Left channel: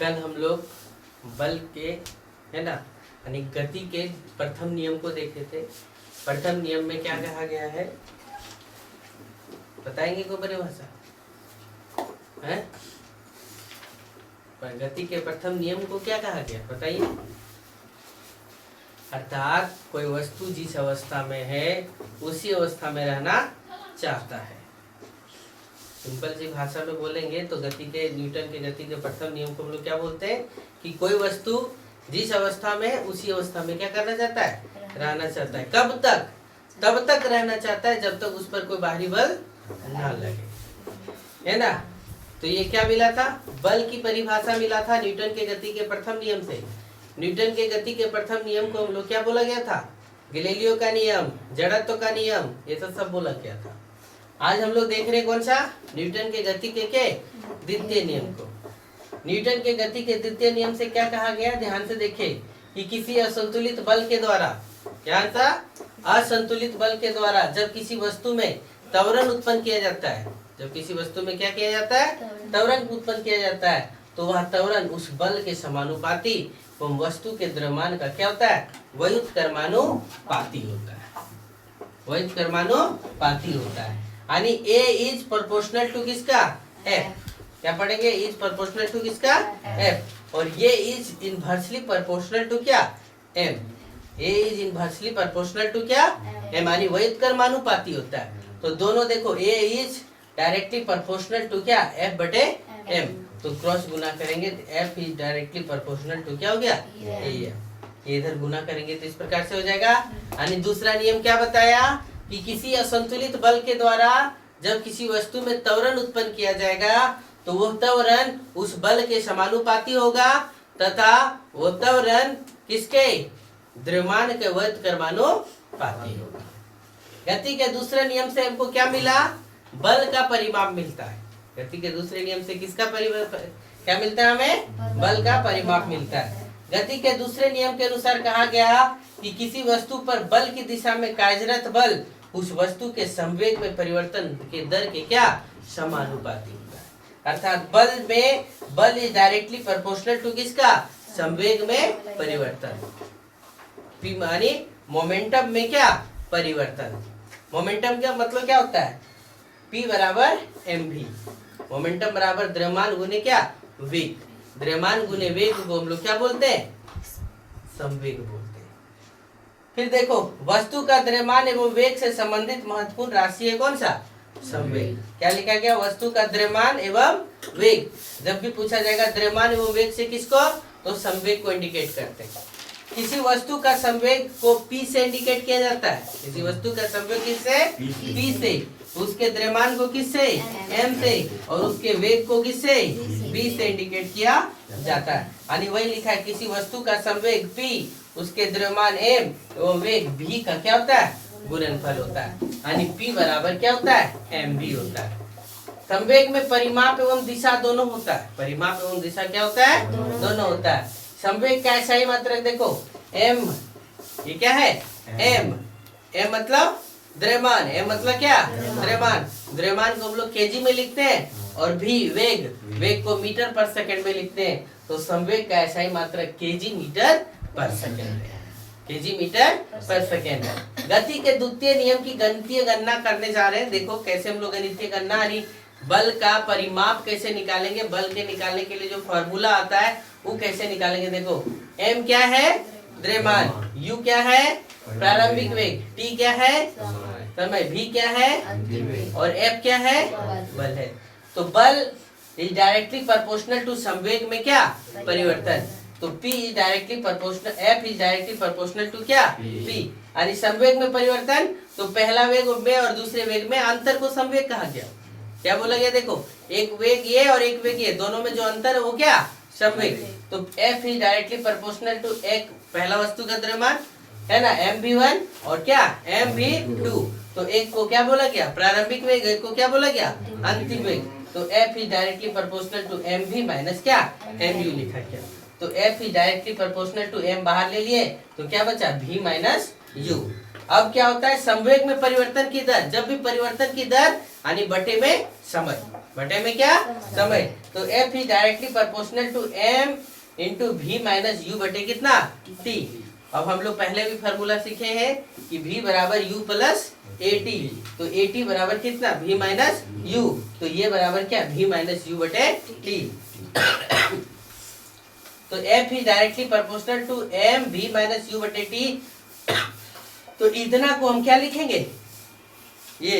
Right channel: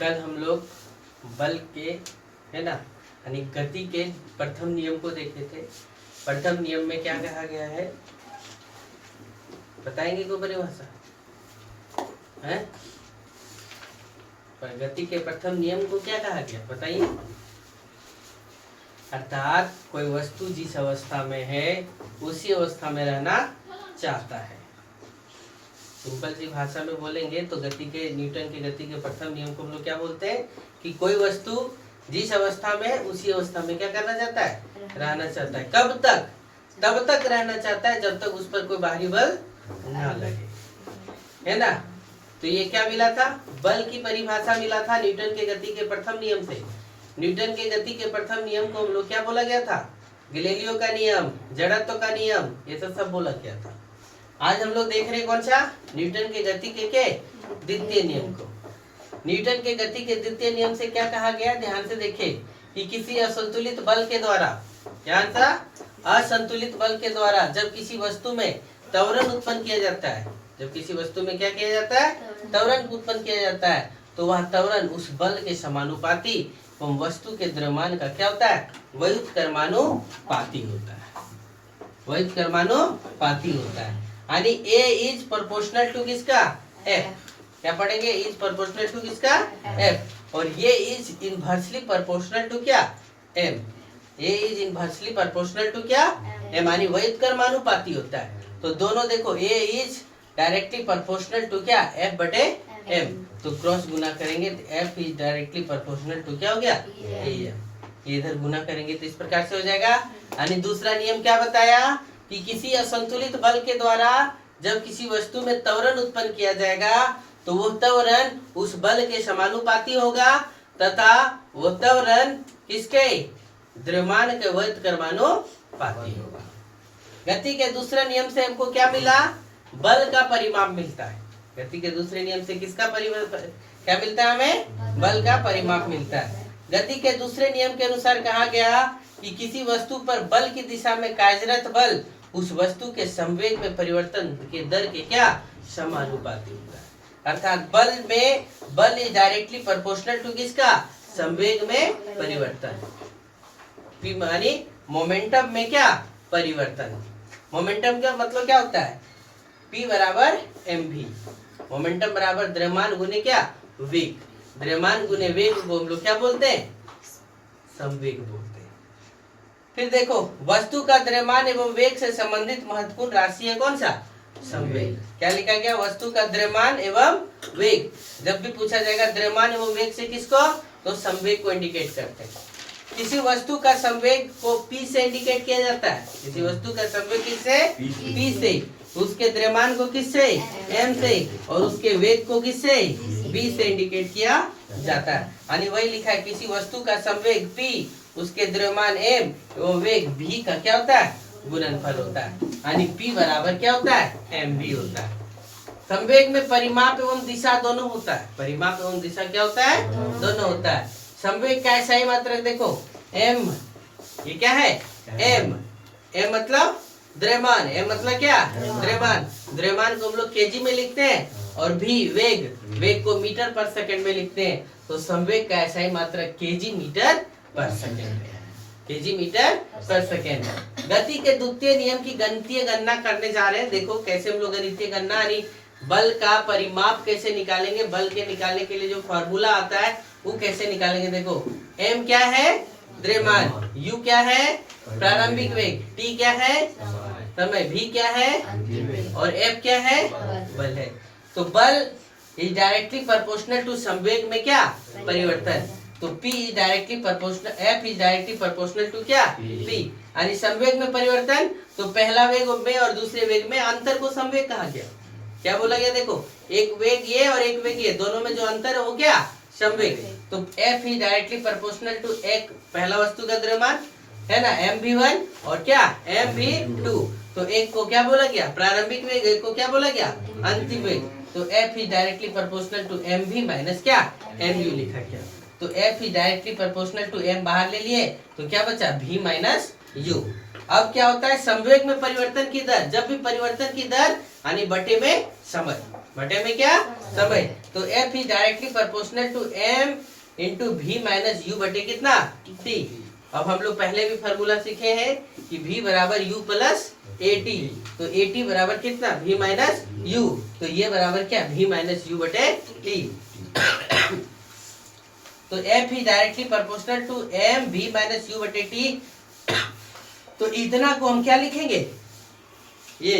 कल हम लोग बल के है ना यानी गति के प्रथम नियम को देखे थे। प्रथम नियम में क्या कहा गया है बताएंगे कोई परिभाषा है? पर गति के प्रथम नियम को क्या कहा गया बताइए। अर्थात कोई वस्तु जिस अवस्था में है उसी अवस्था में रहना चाहता है। सिंपल सी भाषा में बोलेंगे तो गति के न्यूटन के गति के प्रथम नियम को हम लोग क्या बोलते हैं कि कोई वस्तु जिस अवस्था में है उसी अवस्था में क्या करना चाहता है, रहना चाहता है। कब तक? तब तक रहना चाहता है जब तक उस पर कोई बाहरी बल ना लगे, है ना। तो ये क्या मिला था, बल की परिभाषा मिला था न्यूटन के गति के प्रथम नियम से। न्यूटन के गति के प्रथम नियम को हम लोग क्या बोला गया था, गैलीलियो का नियम, जड़त्व का नियम, ये तो सब बोला गया था। आज हम लोग देख रहे कौन सा, न्यूटन के गति के द्वितीय नियम को। न्यूटन के गति के द्वितीय नियम से क्या कहा गया, ध्यान से देखिए कि किसी असंतुलित बल के द्वारा, क्या था, असंतुलित बल के द्वारा जब किसी वस्तु में त्वरण उत्पन्न किया जाता है, जब किसी वस्तु में क्या किया जाता है, त्वरण उत्पन्न किया जाता है, तो वह त्वरण उस बल के समानुपाती एवं वस्तु के द्रव्यमान का क्या होता है, व्युत्क्रमानुपाती होता है, व्युत्क्रमानुपाती होता है। यानी A इज प्रोपोर्शनल टू किसका, F। क्या पढ़ेंगे, इज प्रोपोर्शनल टू किसका, F। और ये इज इनवर्सली प्रोपोर्शनल टू क्या, M। A is inversely proportional to क्या, M, यानी व्युत्क्रमानुपाती होता है। तो दोनों देखो, A is directly proportional to क्या, F बटे M। तो क्रॉस गुना करेंगे तो F is directly proportional to क्या हो गया, A। ये इधर गुना करेंगे तो इस प्रकार से हो जाएगा। यानी दूसरा नियम क्या बताया कि किसी असंतुलित बल के द्वारा जब किसी वस्तु में त्वरण उत्पन्न किया जाएगा तो वो त्वरण उस बल के समानुपाती होगा तथा वो त्वरण किसके, द्रव्यमान के व्युत्क्रमानुपाती होगा। गति के दूसरे नियम से हमको क्या मिला, बल का परिमाप मिलता है। गति के दूसरे नियम से किसका परिमाप क्या मिलता है, हमें बल का परिमाप मिलता है। गति के दूसरे नियम के अनुसार कहा गया कि किसी वस्तु पर बल की दिशा में कार्यरत बल उस वस्तु के संवेग में परिवर्तन के दर के क्या, समानुपाती होता है। अर्थात बल इज डायरेक्टली प्रोपोर्शनल टू किसका, संवेग में परिवर्तन। P मानी मोमेंटम में क्या, परिवर्तन। मोमेंटम का मतलब क्या होता है, P बराबर mv। मोमेंटम बराबर द्रव्यमान गुने क्या, वेग। द्रव्यमान गुने वेग को हम लोग क्या बोलते हैं, संवेग बोलते हैं। फिर देखो, वस्तु का द्रव्यमान एवं वेग से संबंधित महत्वपूर्ण राशि है कौन सा, संवेग। क्या लिखा गया, वस्तु का द्रव्यमान एवं वेग। जब भी पूछा जाएगा द्रव्यमान एवं वेग से किसको, तो संवेग को इंडिकेट करते हैं। किसी वस्तु का संवेग को P से इंडिकेट किया जाता है। किसी वस्तु का संवेग किससे, P से। उसके द्रव्यमान को किससे, M से, और उसके वेग को किससे, V से इंडिकेट किया जाता है। यानी वही लिखा है, किसी वस्तु का संवेग P, उसके द्रव्यमान M एवं वेग V का क्या होता है, गुणनफल होता है। यानी P बराबर क्या होता है, mv होता है। संवेग में परिमाप एवं दिशा दोनों होता है। परिमाप एवं दिशा क्या होता है, दोनों होता है। संवेग का सही मात्रक देखो, m, ये क्या है, m मतलब द्रव्यमान, m मतलब क्या, द्रव्यमान। द्रव्यमान को हम लोग केजी में लिखते हैं और v वेग को मीटर पर सेकंड में लिखते हैं। तो संवेग का सही मात्रक केजी मीटर पर सेकंड है, केजी मीटर पर सेकंड है। गति के द्वितीय नियम की गणितीय गणना करने जा रहे हैं। देखो कैसे हम लोग गणितीय गणना यानी बल का परिमाप कैसे निकालेंगे। बल के निकालने के लिए जो फॉर्मूला आता है वो कैसे निकालेंगे। देखो, m क्या है, द्रव्यमान, u क्या है, प्रारंभिक वेग, t क्या है, समय, v क्या है, और f क्या है, बल है। तो बल इज डायरेक्टली प्रोपोर्शनल टू संवेग में क्या, परिवर्तन। तो P is directly proportional, F is directly proportional to क्या, P। यानी संवेग में परिवर्तन, तो पहला वेग में और दूसरे वेग में अंतर को संवेग कहा गया। क्या बोला गया, देखो एक वेग ये और एक वेग ये, दोनों में जो अंतर है वो क्या, संवेग। तो F is directly proportional to एक पहला वस्तु का द्रव्यमान है ना, mv1 और क्या, mv2। तो एक को क्या बोला गया, प्रारंभिक वेग, एक को क्या बोला गया, अंतिम वेग। तो F is directly proportional to mv minus क्या, mu लिखा गया। तो F is directly proportional to m बाहर ले लिए तो क्या बचा, v माइनस u। अब क्या होता है, संवेग में परिवर्तन की दर, जब भी परिवर्तन की दर यानी बटे में समय। बटे में क्या समय। तो F is directly proportional to M into V minus U बटे कितना T। अब हम लोग पहले भी फॉर्मूला सीखे हैं कि V बराबर U प्लस AT, तो AT बराबर कितना V माइनस U, तो ये बराबर क्या V माइनस U बटे T। तो F is directly proportional to M V minus U बटे T। तो इतना को हम क्या लिखेंगे, ये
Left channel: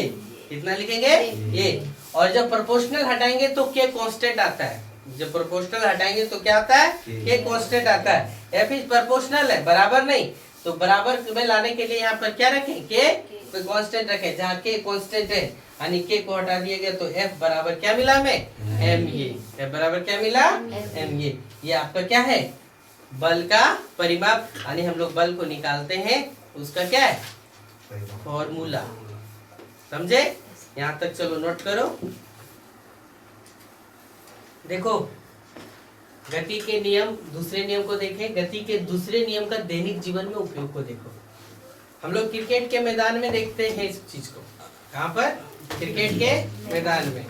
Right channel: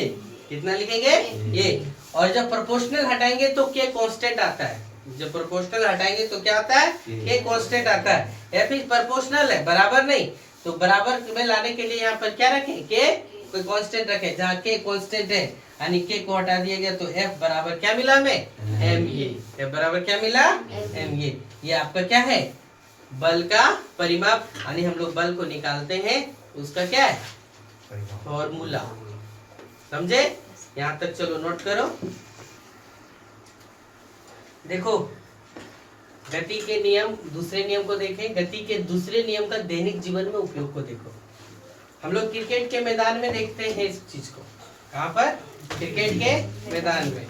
इतना लिखेंगे ये, और जब प्रोपोर्शनल हटाएंगे तो K कांस्टेंट आता है, जब प्रोपोर्शनल हटाएंगे तो क्या आता है K कांस्टेंट आता है। F इज प्रोपोर्शनल है बराबर नहीं, तो बराबर में लाने के लिए यहाँ पर क्या रखें K कोई कांस्टेंट रखें, जहाँ K कांस्टेंट है यानी K को हटा दिया गया, तो F बराबर क्या मिला हमें MA। F बराबर क्या मिला MA। ये आपका क्या है बल का परिमाप, यानी हम लोग बल को निकालते हैं उसका क्या है फॉर्मूला, समझे। यहाँ तक चलो नोट करो। देखो गति के नियम, दूसरे नियम को देखें, गति के दूसरे नियम का दैनिक जीवन में उपयोग को देखो। हम लोग क्रिकेट के मैदान में देखते हैं इस चीज को, कहाँ पर क्रिकेट के मैदान में।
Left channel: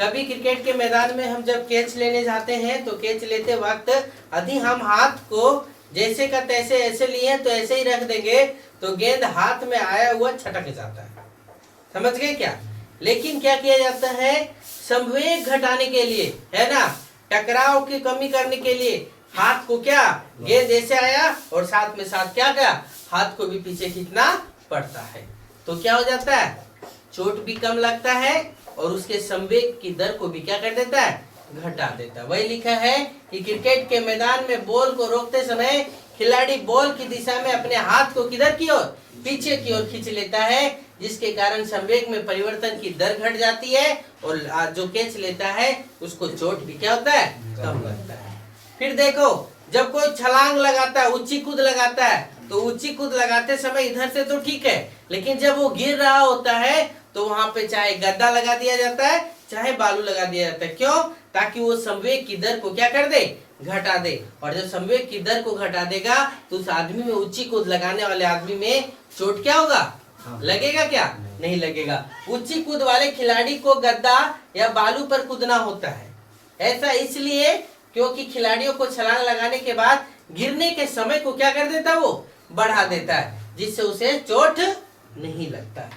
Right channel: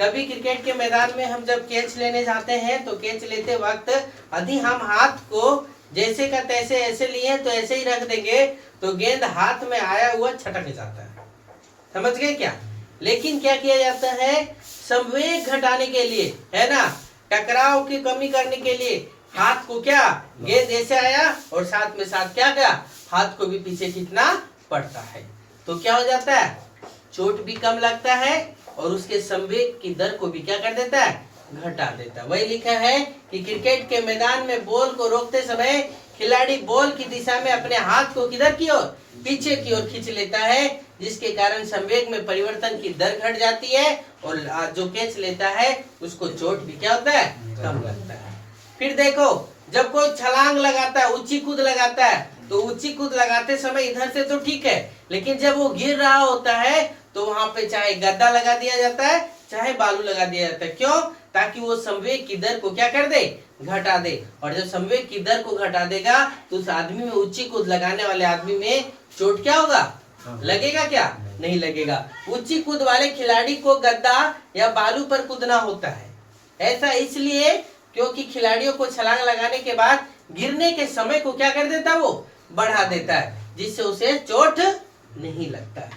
कभी क्रिकेट के मैदान में हम जब कैच लेने जाते हैं तो कैच लेते वक्त यदि हम हाथ को जैसे का तैसे ऐसे लिए तो ऐसे ही रख देंगे तो गेंद हाथ में आया हुआ छटक जाता है, समझ गए क्या। लेकिन क्या किया जाता है संवेग घटाने के लिए, है ना, टकराव की कमी करने के लिए हाथ को क्या गेंद ऐसे आया और साथ में साथ क्या गया हाथ को भी पीछे खींचना पड़ता है, तो क्या हो जाता है चोट भी कम लगता है और उसके संवेग की दर को भी क्या कर देता है घटा देता है। वही लिखा है कि क्रिकेट के मैदान में बॉल को रोकते समय खिलाड़ी बॉल की दिशा में अपने हाथ को किधर की ओर पीछे की ओर खींच लेता है, जिसके कारण संवेग में परिवर्तन की दर घट जाती है और जो कैच लेता है उसको चोट भी क्या होता है कम लगता है। फिर देखो जब कोई छलांग लगाता है ऊंची कूद लगाता है तो ऊंची कूद लगाते समय इधर से तो ठीक है, लेकिन जब वो गिर रहा होता है तो वहां पे चाहे गद्दा लगा दिया जाता है चाहे बालू लगा दिया जाता है, क्यों, ताकि वो संवेग की दर को क्या कर दे घटा दे। और जब संवेग की दर को घटा देगा तो उस आदमी में ऊंची कूद लगाने वाले आदमी में चोट क्या होगा लगेगा, क्या नहीं लगेगा। ऊंची कूद वाले खिलाड़ी को गद्दा या बालू पर कूदना होता है, ऐसा इसलिए क्योंकि खिलाड़ियों को छलांग लगाने के बाद गिरने के समय को क्या कर देता है वो बढ़ा देता है, जिससे उसे चोट नहीं लगता।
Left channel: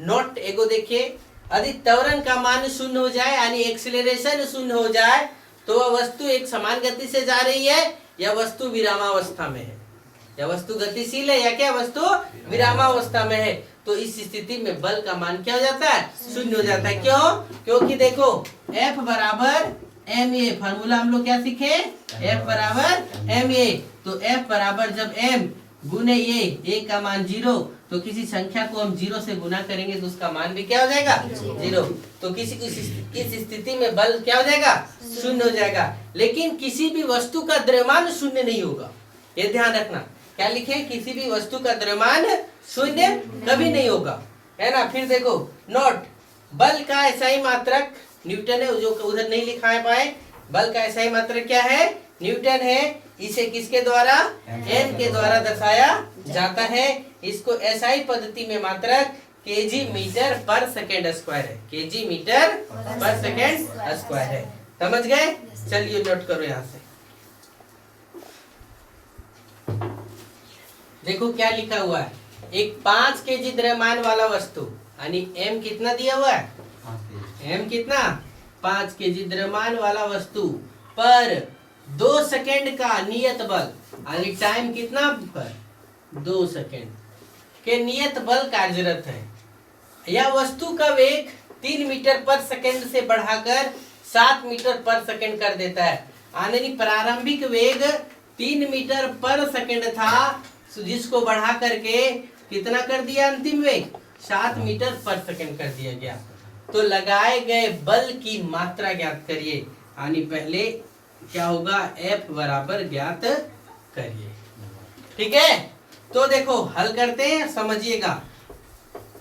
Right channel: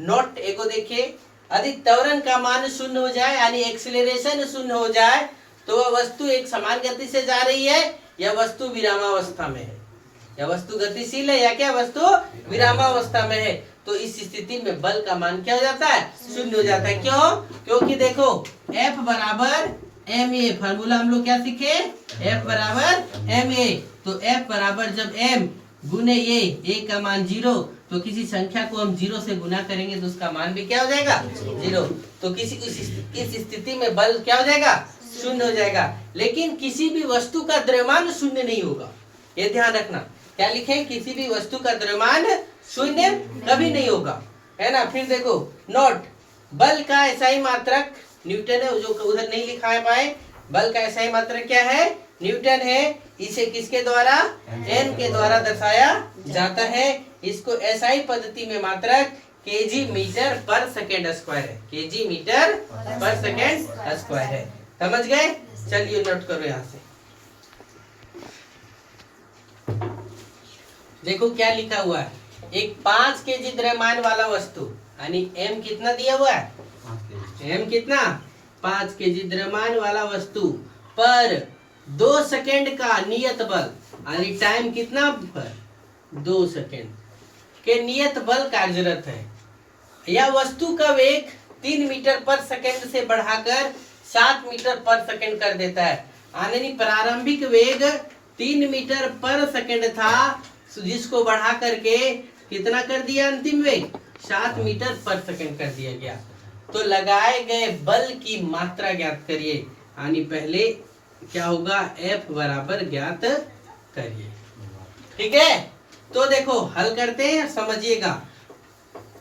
नोट एगो देखिए, यदि त्वरण का मान शून्य हो जाए यानी एक्सीलरेशन शून्य हो जाए तो वह वस्तु एक समान गति से जा रही है या वस्तु विरामावस्था में है, या वस्तु गतिशील है या क्या वस्तु विरामावस्था में है, तो इस स्थिति में बल का मान क्या हो जाता है शून्य हो जाता है। क्यों, क्योंकि देखो F बराबर ma, फार्मूला हम लोग क्या सीखे F बराबर ma, तो F बराबर जब m गुने a का मान 0, तो किसी संख्या को हम 0 से गुना करेंगे तो उसका मान भी क्या हो जाएगा 0, तो किसी इस स्थिति में बल क्या हो जाएगा शून्य हो जाएगा। लेकिन किसी भी वस्तु का द्रव्यमान शून्य नहीं होगा, ये ध्यान रखना। क्या लिखे, किसी भी वस्तु का द्रव्यमान शून्य कभी नहीं होगा, है ना। फिर देखो नोट, बल का SI मात्रक न्यूटन है, जो उधर नहीं लिखा है पाए, बल का SI मात्रक क्या है न्यूटन है। इसे किसके द्वारा n के द्वारा दर्शाया जाता है। इसको SI पद्धति में मात्रक kg मीटर पर सेकेंड स्क्वायर है, kg मीटर पर सेकेंड स्क्वायर है, समझ गए। चलिए नोट करो यहाँ से, देखो क्या लिखा हुआ है, एक 5 kg द्रव्यमान वाला वस्तु यानी m कितना दिया हुआ है, m कितना 5 kg द्रव्यमान वाला वस्तु पर 2 सेकेंड का नियत बल यानी टाइम कितना पर 2 सेकेंड के नियत बल कार्यरत है। यह वस्तु का वेग 3 मीटर पर सेकेंड से बढ़ाकर 7 मीटर पर सेकेंड कर देता है, यानी प्रारंभिक वेग 3 मीटर पर सेकेंड था, जिसको बढ़ा करके कितना कर दिया अंतिम वेग 7 मीटर पर सेकेंड कर दिया गया। तो लगाए गए बल की मात्रा ज्ञात करिए, यानी पहले क्या होगा F बराबर ज्ञात करिए, ठीक है। तो देखो हल करते हैं, समझिएगा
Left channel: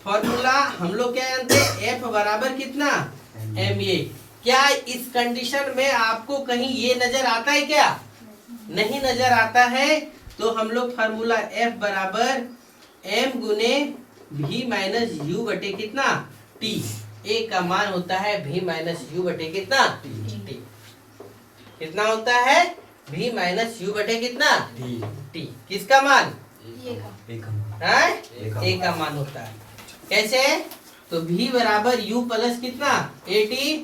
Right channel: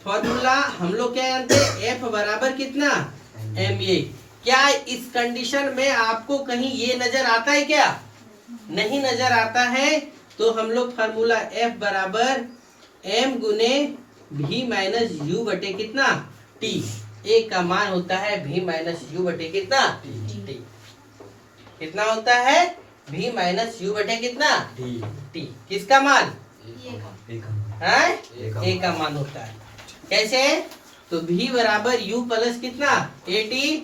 फॉर्मूला हम लोग क्या जानते हैं F बराबर कितना ma। क्या इस कंडीशन में आपको कहीं ये नजर आता है, क्या नहीं नजर आता है, तो हम लोग फार्मूला F बराबर m गुने v माइनस u बटे कितना t, ए का मान होता है v माइनस यू बटे कितना टी। कितना होता है v माइनस यू बटे कितना टी। किसका मान है ए का मान होता है। कैसे? तो v बराबर u प्लस कितना ए टी,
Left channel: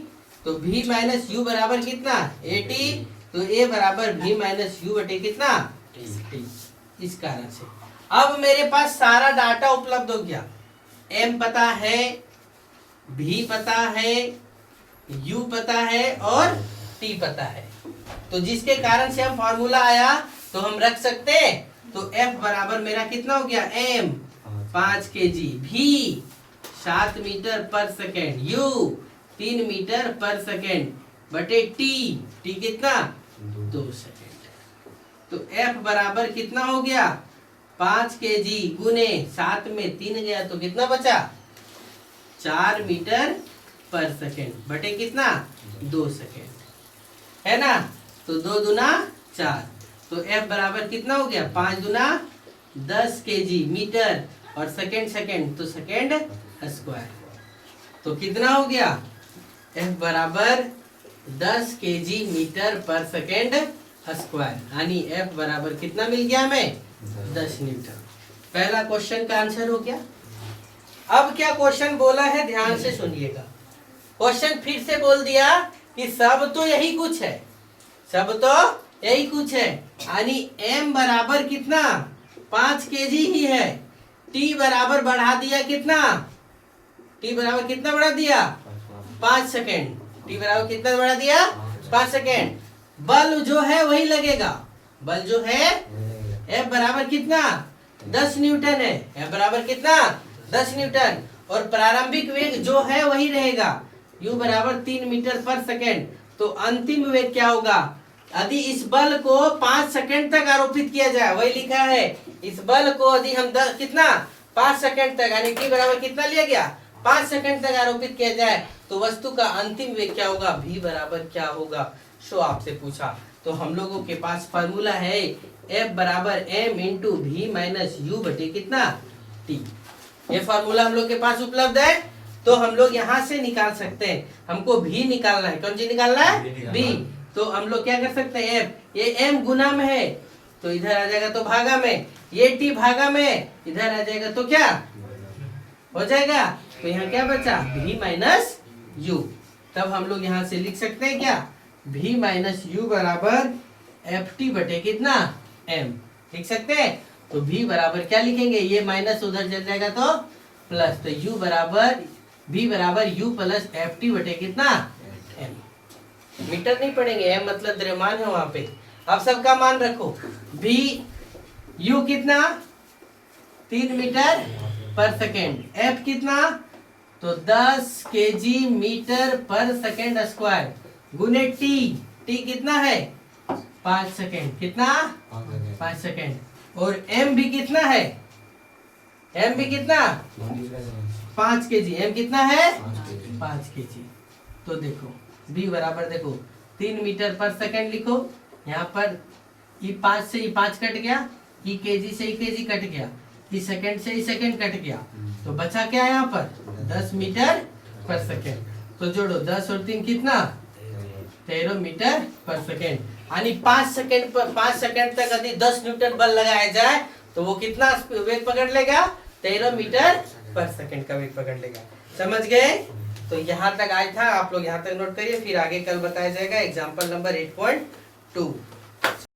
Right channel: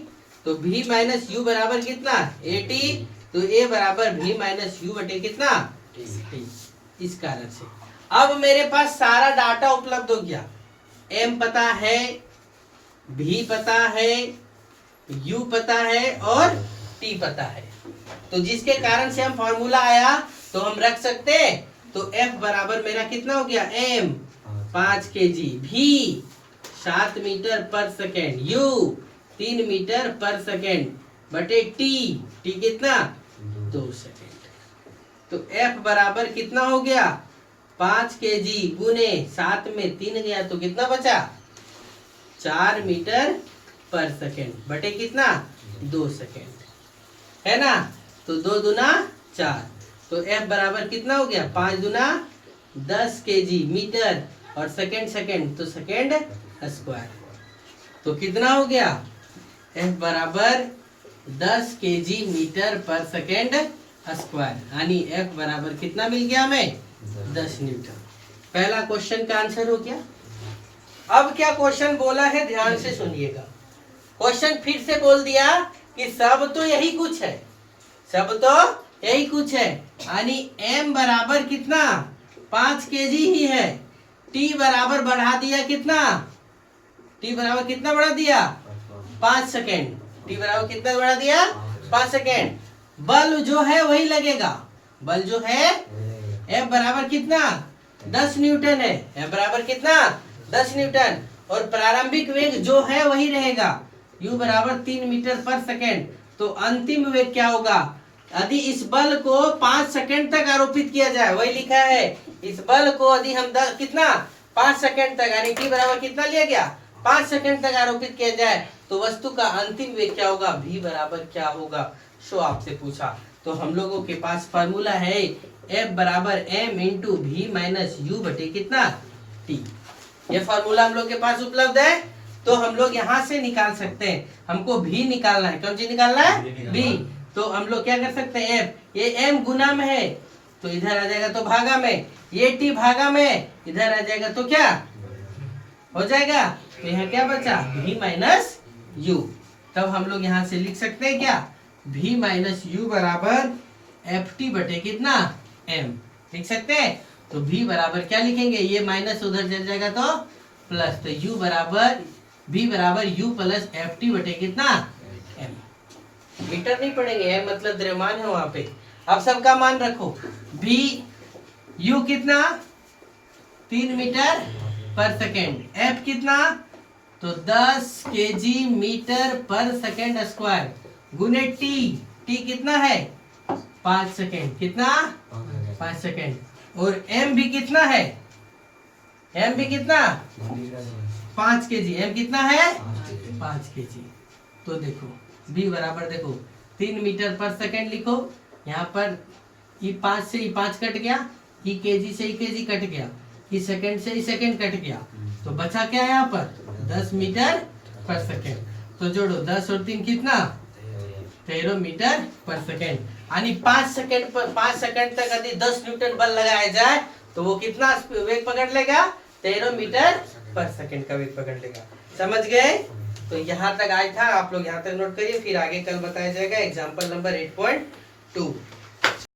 तो v माइनस यू बराबर कितना ए टी, तो a बराबर v माइनस यू बटे कितना टी। इस कारण से अब मेरे पास सारा डाटा उपलब्ध हो गया। m पता है, v पता है, u पता है और t पता है। तो जिसके कारण से हम फॉर्मूला आया तो हम रख सकते हैं। तो f बराबर मेरा कितना हो गया m 5 kg, v 7 मीटर पर सेकेंड, u 3 मीटर पर सेकेंड बटे t कितना 2 सेकेंड। तो f बराबर कितना हो गया 5 kg गुने 7 में 3 गया तो कितना बचा 4 मीटर पर सेकेंड बटे कितना 2 सेकेंड है ना। तो 2 दूना 4, तो f बराबर कितना हो गया 5 दूना 10 kg मीटर और सेकेंड तो सेकेंड स्क्वायर। तो कितना हो गया f बराबर 10 kg मीटर पर सेकेंड स्क्वायर, यानी f बराबर कितना मिल गया हमें 10 न्यूटन। पहला क्वेश्चन का आंसर हो गया। अब क्या क्वेश्चन बोला है ध्यान से सुनिएगा। क्वेश्चन फिर से बोल दिया कि सब तो यही कुछ है, सब तो यही कुछ है, यानी m बराबर कितना 5 kg ही है, t बराबर बढ़ा दिया कितना, t बराबर कितना बढ़ा दिया 5 सेकेंड, t बराबर कितना बढ़ा दिया 5 सेकेंड। बल जो है वही लगेगा, बल जो है F बराबर कितना 10 न्यूटन है, F बराबर कितना 10 न्यूटन, और प्रारंभिक वेग जो है वही रहेगा u बराबर 3 मीटर पर सेकेंड। तो अंतिम वेग क्या होगा, यदि इस बल को 5 सेकेंड तक आरोपित किया जाए, वही लिखा है इस बल को यदि हम कितना 5 सेकेंड तक, यानी t बराबर कितना लिया गया 5 सेकेंड तक आरोपित किया जाए तो वस्तु का अंतिम वेग क्या होगा, v बराबर क्या होगा, सो आपसे पूछा। तो हम लोगों के पास फार्मूला है F बराबर m into V minus U बटे कितना t। ये फार्मूला हम लोग के पास उपलब्ध है, तो हम लोग यहाँ से निकाल सकते हैं। हमको v निकालना है, कौन सी निकालना है v। तो हम लोग क्या कर सकते हैं f, ये m गुना में है तो इधर आ जाएगा तो भागा में, ये t भागा में इधर आ जाएगा तो क्या हो जाएगा, तो यहाँ क्या बचा v माइनस यू। तब हम लोग यहाँ से लिख सकते हैं क्या v माइनस यू बराबर एफ टी बटे कितना m लिख सकते हैं। तो v बराबर क्या लिखेंगे, ये माइनस उधर चल जाएगा तो प्लस, तो u बराबर v बराबर u प्लस एफ टी बटे कितना m। मीटर नहीं पढ़ेंगे, m मतलब द्रव्यमान है वहां पे। अब सबका मान रखो, v u कितना 3 मीटर पर सेकेंड, f कितना तो 10 kg मीटर पर सेकेंड स्क्वायर गुने t कितना है 5 सेकेंड, कितना 5 सेकेंड, और m भी कितना है, m भी कितना 5 kg, m कितना है 5 kg। तो देखो v बराबर देखो 3 मीटर पर सेकेंड लिखो, यहाँ पर ई 5 से ई 5 कट गया, ई kg से ई kg कट गया, ई सेकेंड से ई सेकेंड कट गया, तो बचा क्या यहाँ पर 10 मीटर पर सेकेंड। तो जोड़ो 10 और 3 कितना 13 मीटर पर सेकेंड, यानी 5 सेकेंड पर 5 सेकेंड तक यदि 10 न्यूटन बल लगाया जाए तो वो कितना वेग पकड़ लेगा 13 मीटर पर सेकेंड का वेग पकड़ लेगा। समझ गए। तो यहाँ तक आज था, आप लोग यहाँ तक नोट करिए, फिर आगे कल बताया जाएगा एग्जाम्पल नंबर 8.2।